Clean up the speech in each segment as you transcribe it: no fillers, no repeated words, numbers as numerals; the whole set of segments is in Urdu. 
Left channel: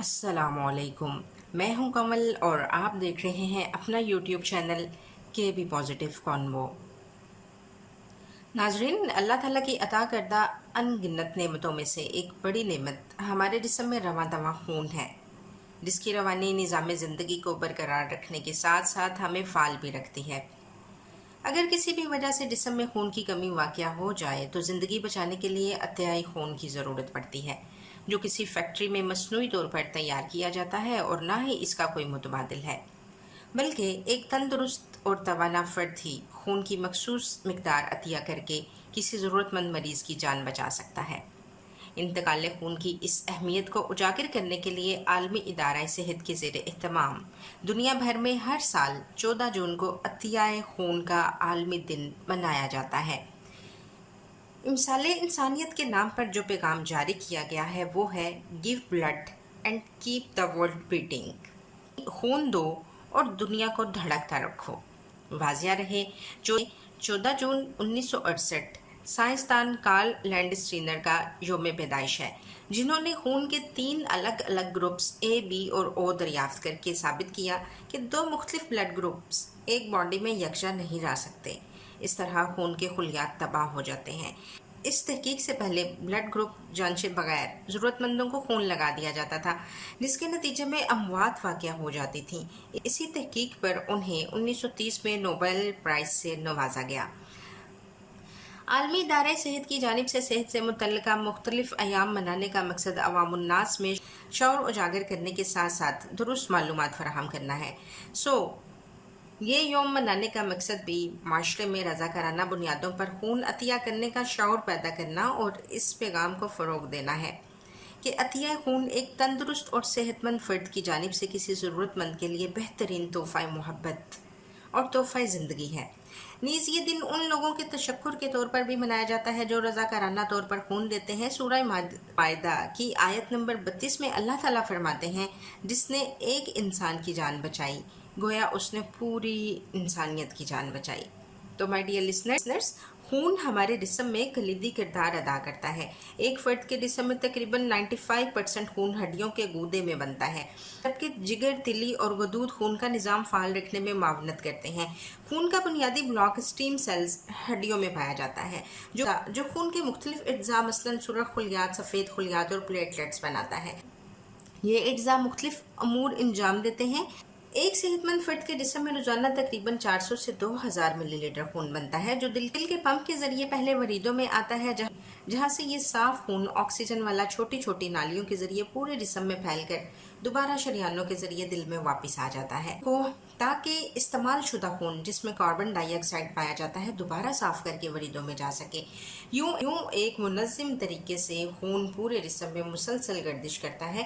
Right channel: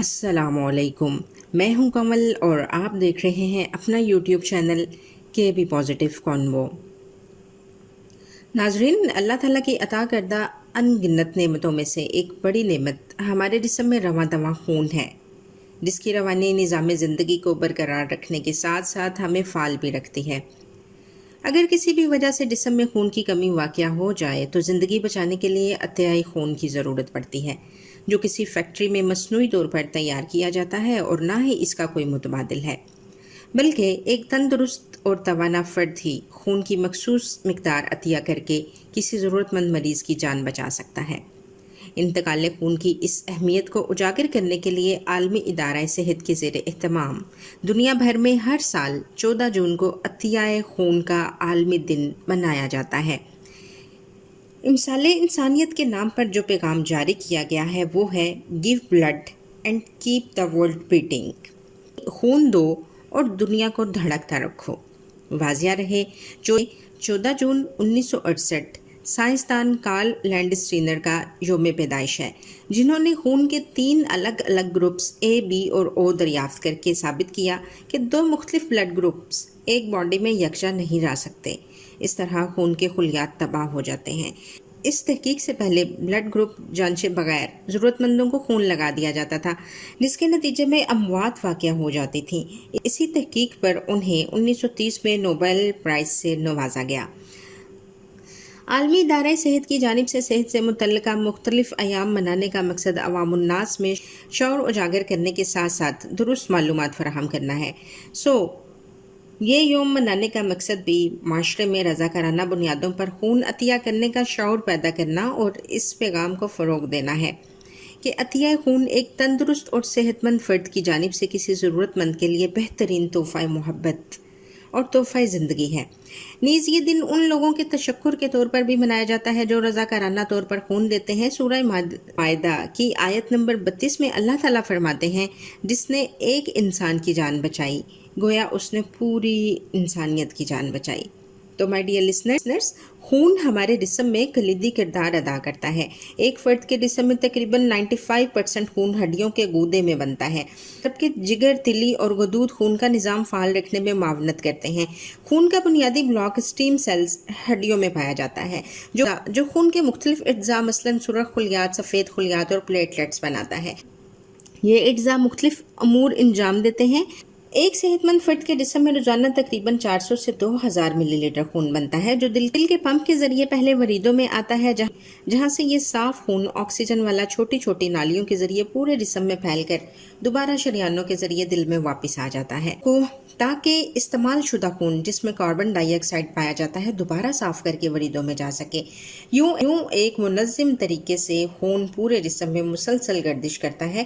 السلام علیکم، میں ہوں کمل اور آپ دیکھ رہے ہیں اپنا یوٹیوب چینل کے بی پازیٹیو کانوو۔ ناظرین، اللہ تعالیٰ کی عطا کردہ ان گنت نعمتوں میں سے ایک بڑی نعمت ہمارے جسم میں رواں دواں خون ہے، جس کی روانی نظام زندگی کو برقرار رکھنے کے ساتھ ساتھ ہمیں فعال بھی رکھتی ہے۔ اگر کسی بھی وجہ سے جسم میں خون کی کمی واقع ہو جائے تو زندگی بچانے کے لیے عطیۂ خون کی ضرورت پڑتی ہے، جو کسی فیکٹری میں مصنوعی طور پر تیار کیا جاتا ہے اور نہ ہی اس کا کوئی متبادل ہے، بلکہ ایک تندرست اور توانا فرد ہی خون کی مخصوص مقدار عطیہ کر کے کسی ضرورت مند مریض کی جان بچا سکتا ہے۔ انتقال خون کی اس اہمیت کو اجاگر کرنے کے لیے عالمی ادارہ صحت کے زیر اہتمام دنیا بھر میں ہر سال 14 جون کو عطیۂ خون کا عالمی دن منایا جاتا ہے۔ امسال انسانیت کے نام پر جو پیغام جاری کیا گیا ہے وہ ہے give blood and keep the world beating, خون دو اور دنیا کو دھڑکتا رکھو۔ واضح رہے، 14 جون 1968 سائنسدان کارل لینڈسٹینر کا یوم پیدائش ہے، جنہوں نے خون کے 3 الگ الگ گروپس اے، بی اور او دریافت کر کے ثابت کیا کہ 2 مختلف بلڈ گروپس ایک باڈی میں یکجا نہیں رہ سکتے۔ اس طرح خون کے خلیات تباہ ہو جاتے ہیں۔ اس تحقیق سے پہلے بلڈ گروپ جانچے بغیر ضرورت مندوں کو خون لگا دیا جاتا تھا، جس کے نتیجے میں اموات واقع ہو جاتی تھیں۔ اسی تحقیق پر انہیں 1930 میں نوبل پرائز سے نوازا گیا۔ عالمی ادارہ صحت کی جانب سے صحت سے متعلقہ مختلف ایام منانے کا مقصد عوام الناس میں شعور اجاگر کرنے کے ساتھ ساتھ درست معلومات فراہم کرنا ہے۔ یہ یوم منانے کا مقصد بھی معاشرے میں رضاکارانہ بنیادوں پر خون عطیہ کرنے کا شعور پیدا کرنا اور اس پیغام کو فروغ دینا ہے کہ عطیہ خون ایک تندرست اور صحت مند فرد کی جانب سے کسی ضرورت مند کے لیے بہترین تحفہ محبت اور تحفہ زندگی ہے۔ نیز یہ دن ان لوگوں کے تشکر کے طور پر بھی منایا جاتا ہے جو رضاکارانہ طور پر خون دیتے ہیں۔ سورہ مائدہ کی آیت نمبر 32 میں اللہ تعالیٰ فرماتے ہیں، جس نے ایک انسان کی جان بچائی گویا اس نے پوری انسانیت کی جان بچائی۔ تو مائی ڈیئر لسنرز، خون ہمارے جسم میں کلیدی کردار ادا کرتا ہے۔ ایک فرد کے جسم میں تقریباً 95% خون ہڈیوں کے گودے میں بنتا ہے، جبکہ جگر، تلی اور غدود خون کا نظام فعال رکھنے میں معاونت کرتے ہیں۔ خون کا بنیادی بلاک اسٹیم سیلز ہڈیوں میں پایا جاتا ہے، جو خون کے مختلف اجزاء مثلاً سرخ خلیات، سفید خلیات اور پلیٹلیٹس بناتا ہے۔ یہ اجزاء مختلف امور انجام دیتے ہیں۔ ایک صحت مند فرد کے جسم میں روزانہ تقریباً 400 سے 2000 ملی لیٹر خون بنتا ہے، جو دل کے پمپ کے ذریعے پہلے وریدوں میں آتا ہے، جہاں سے یہ صاف خون آکسیجن والا چھوٹی چھوٹی نالیوں کے ذریعے پورے جسم میں پھیل کر دوبارہ شریانوں کے ذریعے دل میں واپس آ جاتا ہے، تاکہ استعمال شدہ خون جس میں کاربن ڈائی آکسائڈ پایا جاتا ہے دوبارہ صاف کر کے وریدوں میں جا سکے۔ یوں ایک منظم طریقے سے خون پورے جسم میں مسلسل گردش کرتا ہے۔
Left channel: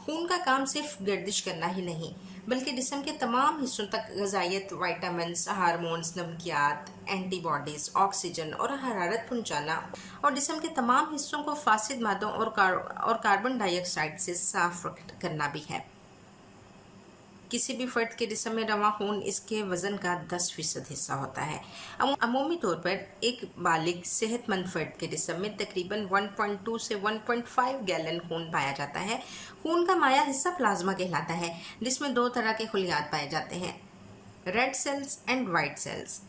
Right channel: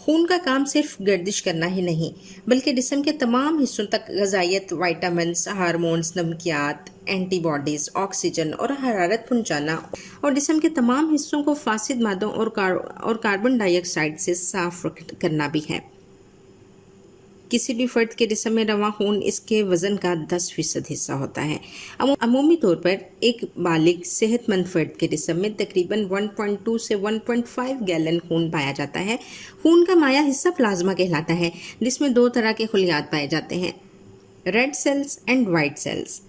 خون کا کام صرف گردش کرنا ہی نہیں، بلکہ جسم کے تمام حصوں تک غذائیت، وائٹامنز، ہارمونز، نمکیات، اینٹی باڈیز، آکسیجن اور حرارت پہنچانا اور جسم کے تمام حصوں کو فاسد مادوں اور کاربن ڈائی آکسائڈ سے صاف کرنا بھی ہے۔ کسی بھی فرد کے جسم میں رواں خون اس کے وزن کا 10% حصہ ہوتا ہے۔ عمومی طور پر ایک بالغ صحت مند فرد کے جسم میں تقریباً 1.2 سے 1.5 گیلن خون پایا جاتا ہے۔ خون کا مائع حصہ پلازما کہلاتا ہے، جس میں 2 طرح کے خلیات پائے جاتے ہیں، red cells and white cells.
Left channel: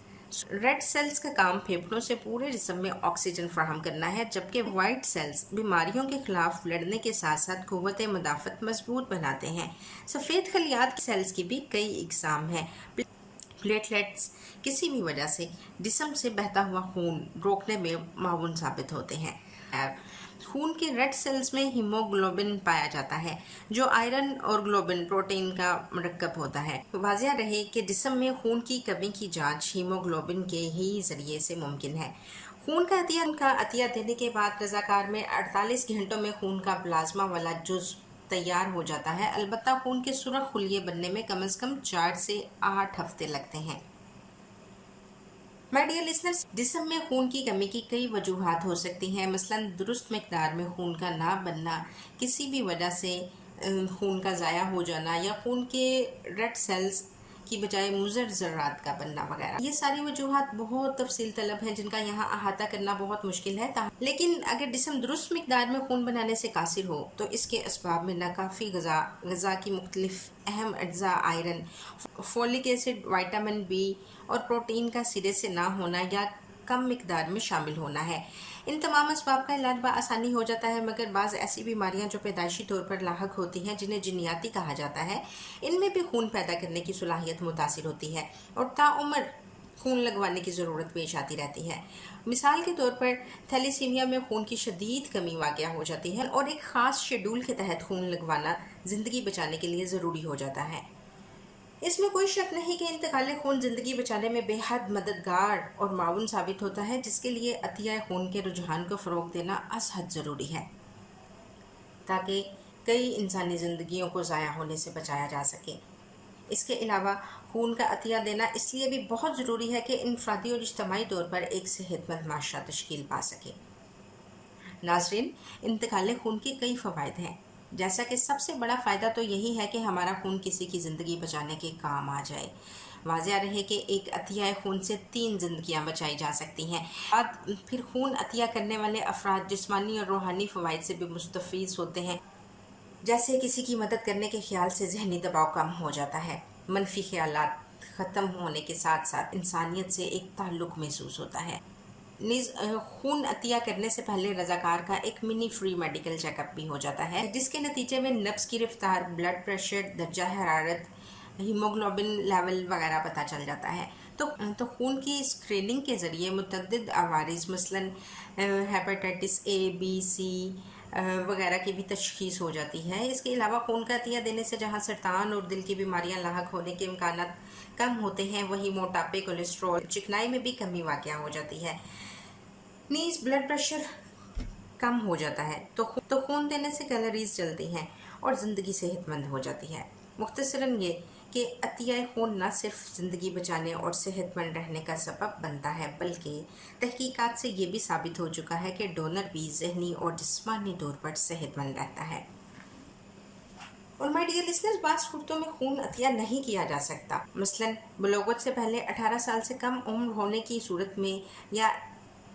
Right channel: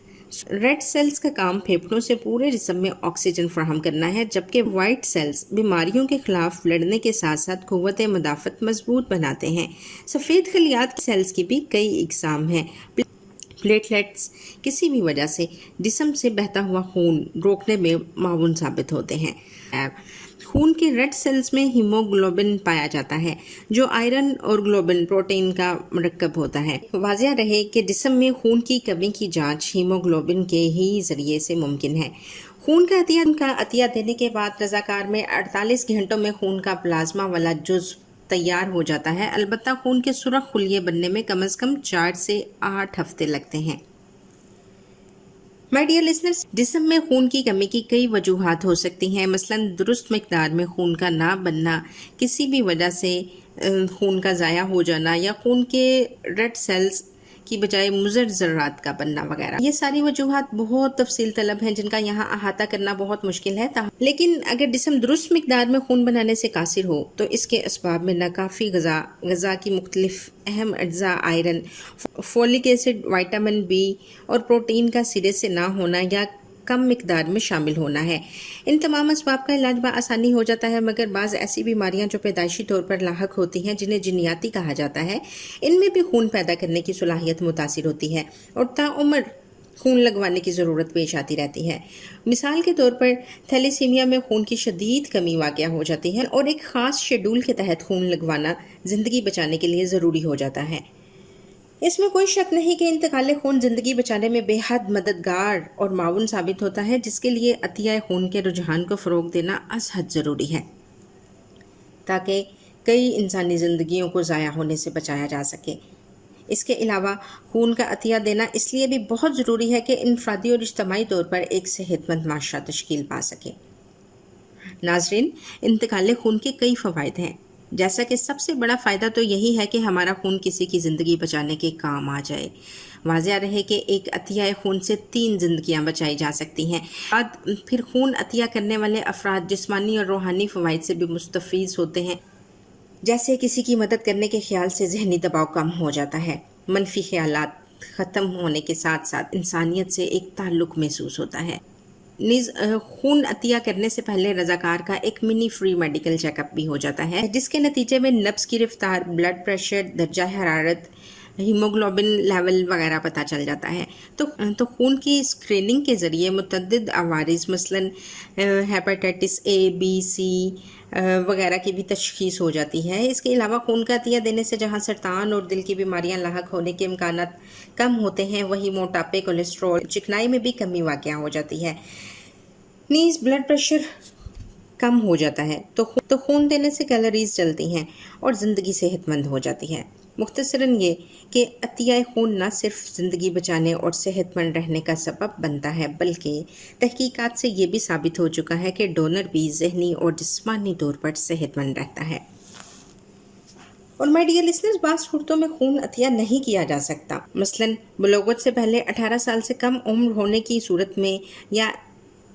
Red cells کا کام پھیپھڑوں سے پورے جسم میں آکسیجن فراہم کرنا ہے، جبکہ وائٹ سیلز بیماریوں کے خلاف لڑنے کے ساتھ ساتھ قوت مدافعت مضبوط بناتے ہیں۔ سفید خلیات سیلز کی بھی کئی اقسام ہیں۔ پلیٹلیٹس کسی بھی وجہ سے جسم سے بہتا ہوا خون روکنے میں معاون ثابت ہوتے ہیں۔ خون کے ریڈ سیلز میں ہیموگلوبن پایا جاتا ہے، جو آئرن اور گلوبن پروٹین کا مرکب ہوتا ہے۔ واضح رہے کہ جسم میں خون کی کمی کی جانچ ہیموگلوبن کے ہی ذریعے سے ممکن ہے۔ خون کا عطیہ دینے کے بعد رضاکار میں 48 گھنٹوں میں خون کا پلازما والا جزو تیار ہو جاتا ہے، البتہ خون کے سرخ خلیے بننے میں کم از کم 4 سے 8 ہفتے لگتے ہیں۔ مائی ڈیئر لسنرز، جسم میں خون کی کمی کی کئی وجوہات ہو سکتی ہیں، مثلاً درست مقدار میں خون کا نہ بننا، کسی بھی وجہ سے خون کا ضائع ہو جانا، یا خون کے ریڈ سیلز کی بجائے مضر ذرات کا بننا وغیرہ۔ یہ ساری وجوہات بہت تفصیل طلب ہیں جن کا یہاں احاطہ کرنا بہت مشکل ہے، لیکن اگر جسم درست مقدار میں خون بنانے سے قاصر ہو تو اس کے اسباب میں ناکافی غذا کی مختلف اہم اجزاء iron, folic acid, vitamin B اور پروٹین کا سرے سے نہ ہونا یا کم مقدار میں شامل ہونا ہے۔ ان تمام اسباب کا علاج بآسانی ہو جاتا ہے، مگر بعض ایسی بیماریاں جو پیدائشی طور پر لاحق ہوتی ہیں جنہیں جنیاتی کہا جاتا ہے، ان میں بھی خون پیدا کرنے کی صلاحیت متاثر ہوتی ہے اور تاعمر خون لگوانے کی ضرورت پیش آتی رہتی ہے۔ مثال کے طور پر تھیلیسیمیا میں خون کی شدید کمی واقع ہو جاتی ہے اور ایک خاص شیڈول کے تحت خون لگوانا زندگی بچانے کے لیے ضروری ہو جاتا ہے۔ اس میں کوئی شک نہیں کہ انتقال خون زندگی بچانے میں بے حد مددگار اور معاون ثابت ہوتا ہے، جس کے لیے عطیہ خون کے رجحان کو فروغ دینا از حد ضروری ہے تاکہ کئی انسانی زندگیوں کو ضائع ہونے سے بچایا جا سکے۔ اس کے علاوہ خون کا عطیہ دینا اس لیے بھی بہت ضروری ہے کہ انفرادی اور اجتماعی طور پر ایک صحت مند معاشرہ تشکیل پا سکے۔ ناظرین، انتقال خون کے کئی فوائد ہیں، جیسا کہ سب سے بڑا فائدہ تو یہی ہے کہ ہمارا خون کسی کی زندگی بچانے کے کام آ جائے۔ واضح رہے کہ ایک عطیہ خون سے 3 زندگیاں بچائی جا سکتی ہیں۔ پھر خون عطیہ کرنے والے افراد جسمانی اور روحانی فوائد سے بھی مستفیض ہوتے ہیں، جیسے کسی کی مدد کرنے کے خیال سے ذہنی دباؤ کم ہو جاتا ہے، منفی خیالات ختم ہونے کے ساتھ ساتھ انسانیت سے ایک تعلق محسوس ہوتا ہے۔ نیز خون عطیہ کرنے سے پہلے رضاکار کا ایک منی فری میڈیکل چیک اپ بھی ہو جاتا ہے، جس کے نتیجے میں نبض کی رفتار، بلڈ پریشر، درجہ حرارت، ہیموگلوبن لیول وغیرہ پتہ چل جاتا ہے۔ تو خون کی اسکریننگ کے ذریعے متعدد عوارض مثلاً ہیپاٹائٹس اے، بی، سی وغیرہ کی بھی تشخیص ہو جاتی ہے۔ اس کے علاوہ خون کا عطیہ دینے سے جہاں سرطان اور دل کی بیماریاں لاحق ہونے کے امکانات کم ہوتے ہیں، وہی موٹاپے، کولیسٹرول، چکنائی میں بھی کمی واقع ہو جاتی ہے۔ نیز بلڈ پریشر کم ہو جاتا ہے، تو خون دینے سے کیلوریز جلتی ہیں اور زندگی صحت مند ہو جاتی ہے۔ مختصراً یہ کہ عطیہ خون نہ صرف زندگی بچانے اور صحت مند رہنے کا سبب بنتا ہے، بلکہ تحقیقات سے یہ بھی ثابت ہو چکا ہے کہ ڈونر بھی ذہنی اور جسمانی طور پر صحت مند رہتا ہے۔ اور میڈ ڈیئر لسنرز، بعض صورتوں میں خون عطیہ نہیں کیا جا سکتا، مثلاً بلوغت سے پہلے 18 سال سے کم عمر ہونے کی صورت میں، یا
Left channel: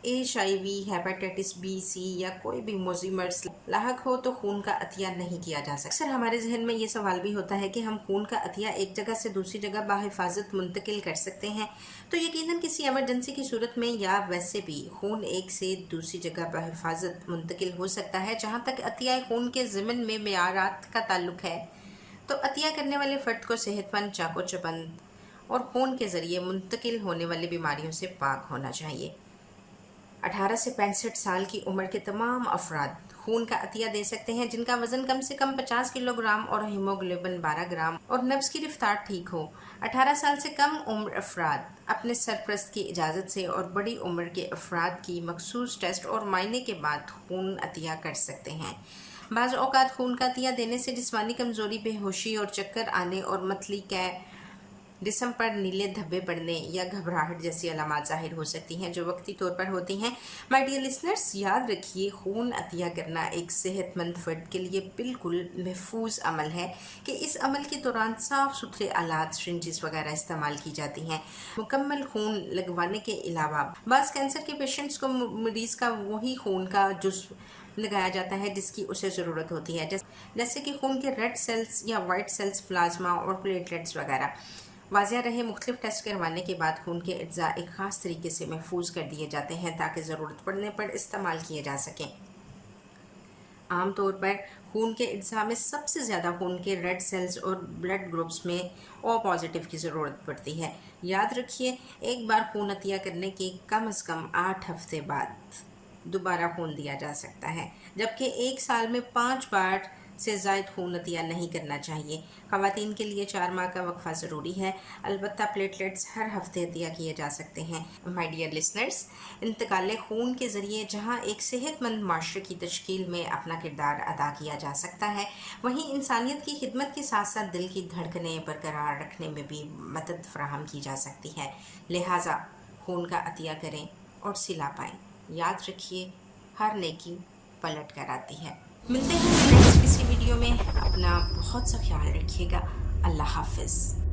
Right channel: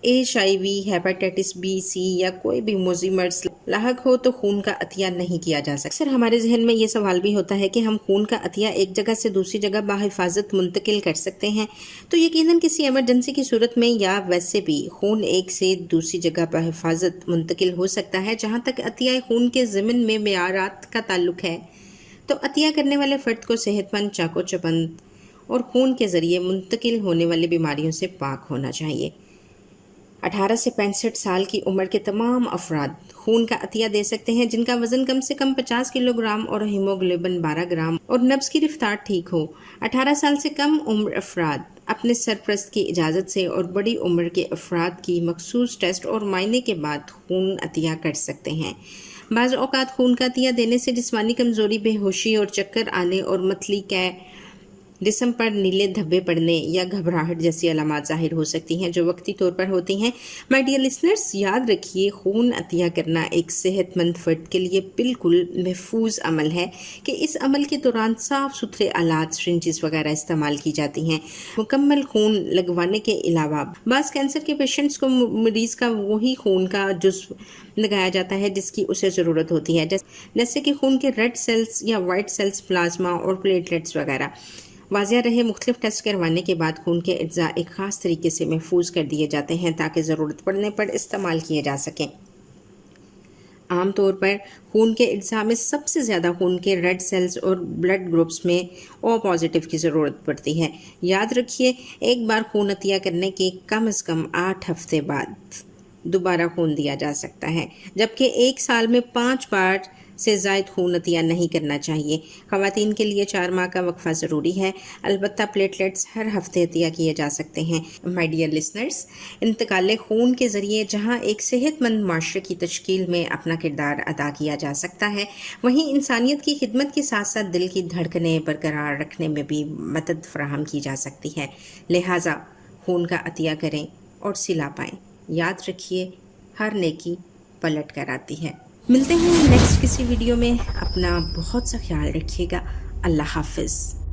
HIV، ہیپاٹائٹس بی، سی یا کوئی بھی موذی مرض لاحق ہو تو خون کا عطیہ نہیں کیا جا سکتا۔ اکثر ہمارے ذہن میں یہ سوال بھی ہوتا ہے کہ ہم خون کا عطیہ ایک جگہ سے دوسری جگہ بحفاظت منتقل کر سکتے ہیں؟ تو یقیناً کسی ایمرجنسی کی صورت میں یا ویسے بھی خون ایک سے دوسری جگہ بحفاظت منتقل ہو سکتا ہے۔ جہاں تک عطیہ خون کے ضمن میں معیارات کا تعلق ہے تو عطیہ کرنے والے فرد کو صحت مند، چاق و چوبند اور خون کے ذریعے منتقل ہونے والی بیماریوں سے پاک ہونا چاہیے۔ 18 سے 65 سال کی عمر کے تمام افراد خون کا عطیہ دے سکتے ہیں جن کا وزن کم سے کم 50 کلو گرام اور ہیموگلوبن 12 گرام اور نبض کی رفتار ٹھیک ہو۔ 18 سال سے کم عمر افراد اپنے سرپرست کی اجازت سے اور بڑی عمر کے افراد کی مخصوص ٹیسٹ اور معائنے کے بعد خون عطیہ کر سکتے ہیں۔ بعض اوقات خون کا عطیہ دینے سے جسمانی کمزوری، بے ہوشی اور چکر آنے اور متلی کے جسم پر نیلے دھبے پڑنے یا گھبراہٹ جیسی علامات ظاہر ہو سکتی ہیں جو وقتی طور پر ہوتی ہیں۔ مائی ڈیئر لسنرز، یاد رکھیے خون عطیہ کرنا ایک صحت مند فرد کے لیے بالکل محفوظ عمل ہے کہ اس عمل کے دوران صاف ستھرے آلات، سرنجز وغیرہ استعمال کی جاتی ہیں۔ مکمل خون لگوانے کے علاوہ بعض کینسر کے پیشنٹس کو مریض کا وہی خون کا جزو لگایا جاتا ہے جس کی اسے ضرورت ہوتی ہے، جیسے کہ خون کے ریڈ سیلز یا وائٹ سیلز، پلازما اور پلیٹلیٹس وغیرہ۔ واضح رہے مختلف ٹیسٹ کروانے کے بعد خون کے اجزاء ایک خاص طریقے سے محفوظ کر دیے جاتے ہیں تاکہ ضرورت پڑنے پر استعمال کیے جا سکیں۔ عام طور پر خون کے اجزاء میں سب سے زیادہ خون کے ریڈ سیلز اور بلڈ گروپس میں او پازیٹیو کی ضرورت پڑتی ہے۔ یاد رکھیے ایک بار خون عطیہ کرنے کے کم از کم 8 ہفتے بعد دوبارہ خون دیا جا سکتا ہے، جبکہ ایک سال میں 5 بار سے زائد خون عطیہ نہیں کرنا چاہیے۔ خواتین کے لیے 4 ماہ کا وقفہ ضروری ہے، البتہ پلیٹلیٹس ہر ہفتے عطیہ کیے جا سکتے ہیں۔ مائی ڈیئر لسنرز، انتقال خون کے ذریعے جہاں ایک صحت مند معاشرے کی تشکیل میں اپنا کردار ادا کیا جا سکتا ہے، وہیں انسانیت کی خدمت کے ساتھ ساتھ دل کی دھڑکنیں برقرار رکھنے میں بھی مدد فراہم کی جا سکتی ہے۔ لہٰذا خون کا عطیہ کریں اور صلہ پائیں۔ یاد رکھیے ہر نیکی پلٹ کر آتی ہے۔ ملتے ہیں نیکسٹ کسی ویڈیو میں۔ اپنا بہت سا خیال رکھیے گا۔ اللہ حافظ۔